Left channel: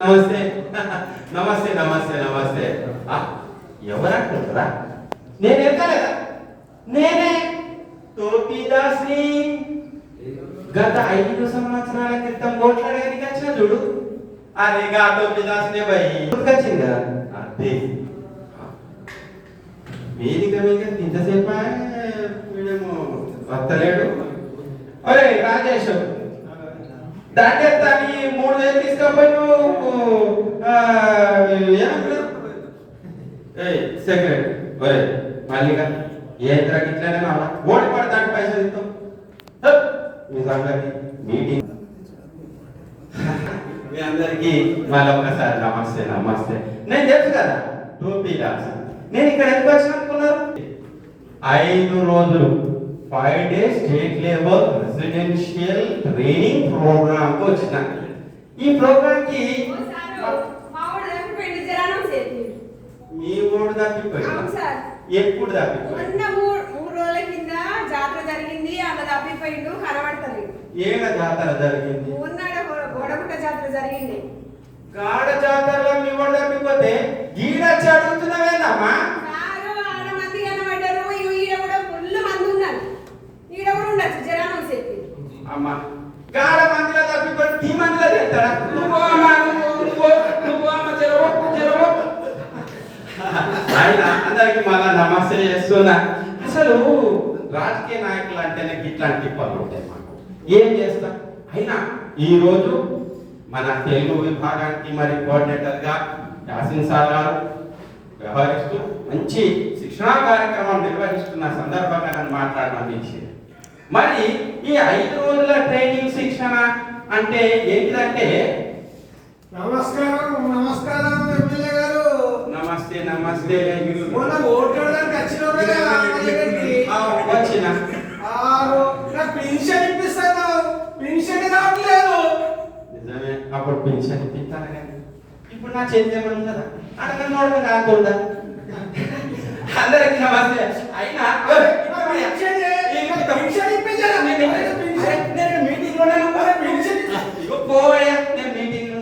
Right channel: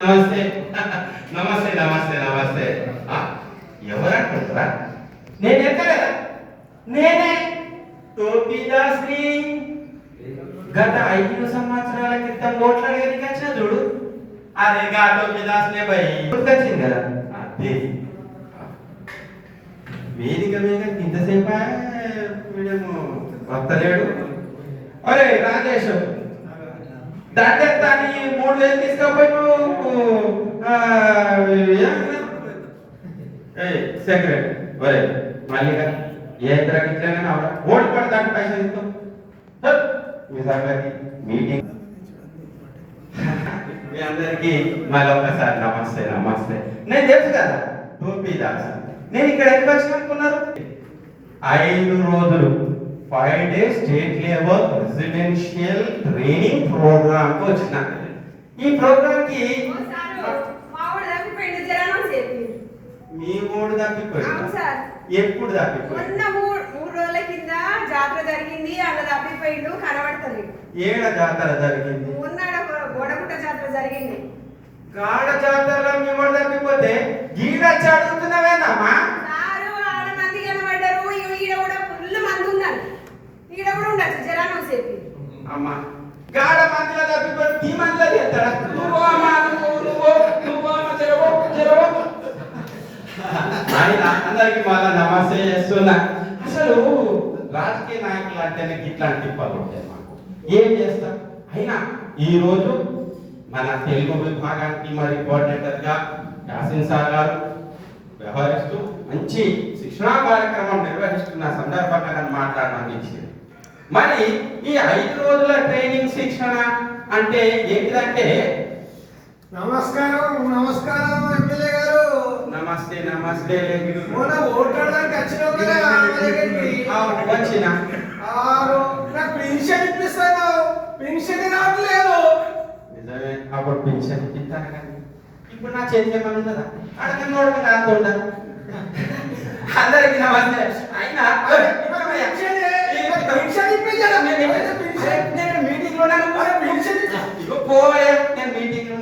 నమస్తే నమస్తే నమస్తే నమస్తే ఎవరనుకుంటారా? నేను ఎక్కలేదా? నేనే టోపీదాస్ని. గత 5 సంవత్సరాల క్రితం ఓట్లాడడానికి వచ్చిన చూడు. అరే గా టోపీదాస్నే భయ్ గుర్తొచ్చింది కదా. అదే వేదిక మీద ఇంతసేపు వీడేమో వస్తలేడు. అరే రాజేష్ దండెత్తాని 3000 తీసుకపోయి సెక్రటరీ ఒరే మల్లిగా ఏ ఇద్దరికి ఇట్లనే ఓడి పడతాడు పైసలు ఇస్తాం మీ సంగతి మీటింగ్. మీ అందరికీ మళ్ళొకసారి నమస్తే నమస్తే. నేను తెలుసు కదా టోపీదాస్. నేను ఇక్కడ ఎందుకు వచ్చిన అనుకున్నారు? 5 రోజులు 5 days state level residential training program కు వచ్చిన. ఈ ప్రోగ్రామ్ కి మీ ఓడు తప్పిపోయింది. ఎప్పుడు తప్పిపోయింది? 3 రోజుల కింద జాతర జరిగింది. అలా తప్పిపోయిండు, కనబడతలేదు. ఏడ జాతర జరిగింది? గోడగుట్ట జాతర జరిగింది. గాడ జాతరలో మీ ఓడు తప్పిపోతే గీడ చదువుతున్నావేనమ్మా? మంది కనబడ్డారు. ఈడ కూడా ఫుల్ మంది ఉన్నారు. ఈడ కూడా ఉండొచ్చు జనానం చెప్పి. అమ్మా గాడ మందిలో తప్పిపోతే ఈ మందిలో తెస్తారా? అందరికి మళ్ళా నమస్తే చేస్తున్నా. అసలు రాజకీయ నాయకులు అంటేనే ఇట్లాంటి తిప్పాలు ఉంటాయి మాకు. ఏం చేస్తాం? అయినా ఈ రోజు మన తెలుగు విభాగానికి మరి కోఆర్డినేటర్ గా యాసిన్ సార్ గారు వ్యవహరిస్తూ మంచి శిక్షణా కార్యక్రమం నిర్వహిస్తున్న సందర్భంగా నన్ను మాట్లాడడానికి ఇచ్చింది. మరి ఈ 5 రోజుల ట్రైనింగ్ శిక్షణ అంటే ఏంటిదంటే? నమస్కారం నమస్కారం ఎమ్మెల్యే గారు. నమస్తే నమస్తే. మొన్న ఓట్లాడడానికి వచ్చిన నాకు పెన్షన్ ఇప్పిస్తాను. పెన్షన్ రావట్లేదు. నిజమే, అప్పుడు పెన్షన్ ఇప్పిస్తాను కానీ ఇప్పుడు నా చెందేమని కదా అడగనోడడం కాకుండా. అందరికి నమస్తే. అయినా నేను మీటింగ్ లో పోయా. నేను మీటింగ్ లో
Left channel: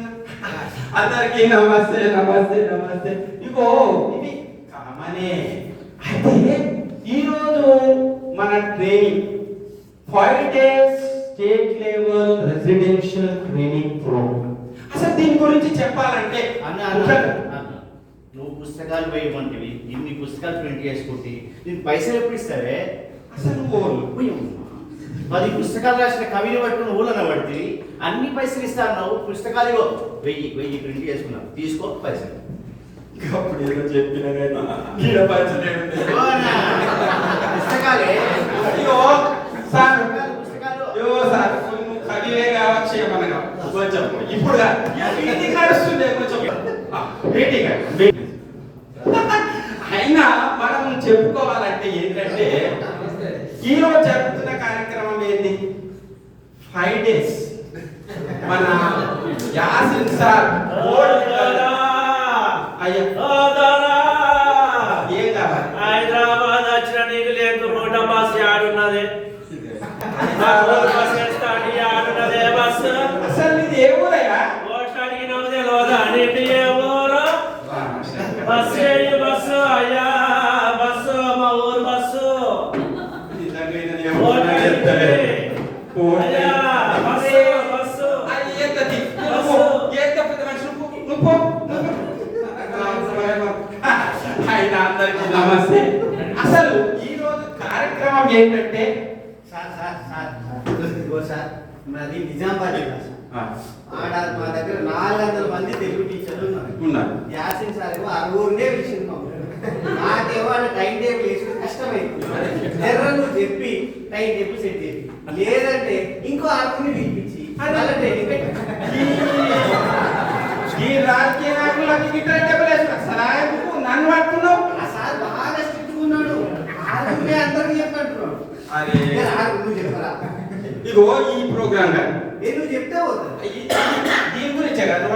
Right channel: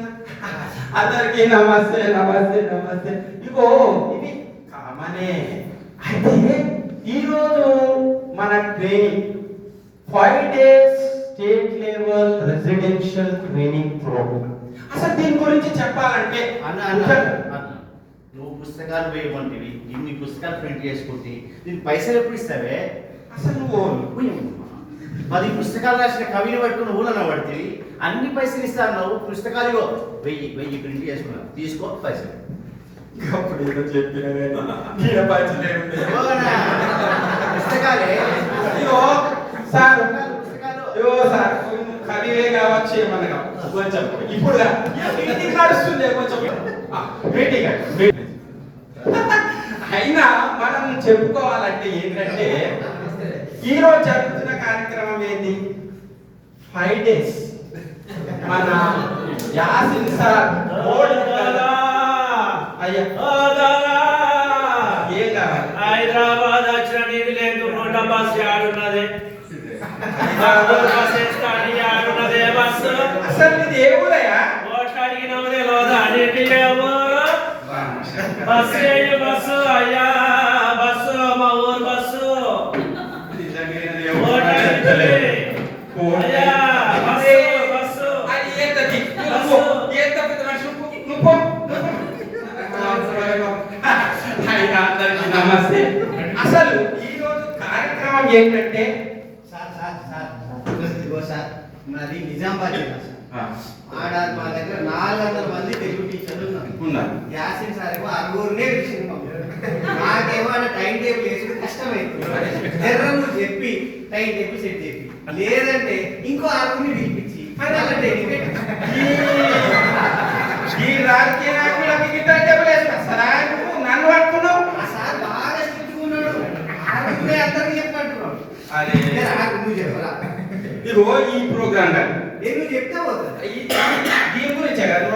అందరికి నమస్తే నమస్తే నమస్తే. ఇగో ఇది కామనే. అయితే ఈరోజు మన training 5 days state level residential training program. అసలు దీని గురించి చెప్పాలంటే నువ్వు పుస్తకాలు వేయమంటివి, ఇన్ని పుస్తకాలు ప్రింట్ చేసుకుంటే నీకు పైసలు ఎప్పుడు ఇస్తావే? అసలు నువ్వు 10 పుస్తకాలు రాసిన కవిని పట్టుకుని ఊళ్ళన పడితే అన్ని పైసలు ఇస్తాను. నువ్వు పుస్తకాలు 1000 ప్రింట్ చేసుకున్నావు, తీసుకో పైసలు. అప్పుడు ఏదో చెప్పిన పుస్తకాలే సార్ పుస్తకాలు సార్ కవిలే కావచ్చు ఏమనగా కొంచెం ఇప్పుడు మీటింగ్ నడుస్తుంది. కొంచెం మీటింగ్ అయినా మనం చెప్పుకోవాలంటే ఏంటంటే ఈరోజు జరుగుతున్న కార్యక్రమం ఏంటి? 5 days మన యాసిన్ సార్ హైదరాబాద్ వచ్చిన నీళ్ళు లేదు. రోడ్డు బస్సు ఆడున్నది. ఆడున్నదే బస్సు. అసలు ఇది ఏ ఊరయ్యా? ఓట్లు అడిగినది తెలియదా? నీటి ఏ ఊరు? బస్సు ఏంటి బస్సు? అయ్యా బస్సు మా ఊరు బస్సు. అయ్యా బస్సు బస్సు. అందరికి నమస్తే. అసలు ఈ రోజు కార్యక్రమం ఏంటంటే సార్ మాది నిజామాబాద్ జిల్లా సార్. ఆడ మా దగ్గర 400 మంది తెలుగు టీచర్లు ఉన్నారు. యాసిన్ సార్ ఏమో 60 విషయం నాకేమో టైం టేబుల్ వేసుకుని కష్టమైంది. జనరల్ నువ్వు చెప్పి టైం టేబుల్ సెట్ చేసి లేదంటే ఇంకో 60 పిలిపించి ఈ రాజకీయ నాయకులకి గిట్ట టేబుల్ నన్ను పడుతున్నావు. సార్ బాగా స్ట్రిక్ట్ ఉన్నాడు. అందరికి చెప్పంటున్నాడు. అరే నువ్వు చెప్పరా? ఇగో ఈ ప్రోగ్రామ్ నువ్వు చెప్తే పోతుంది. దీని గురించే కదా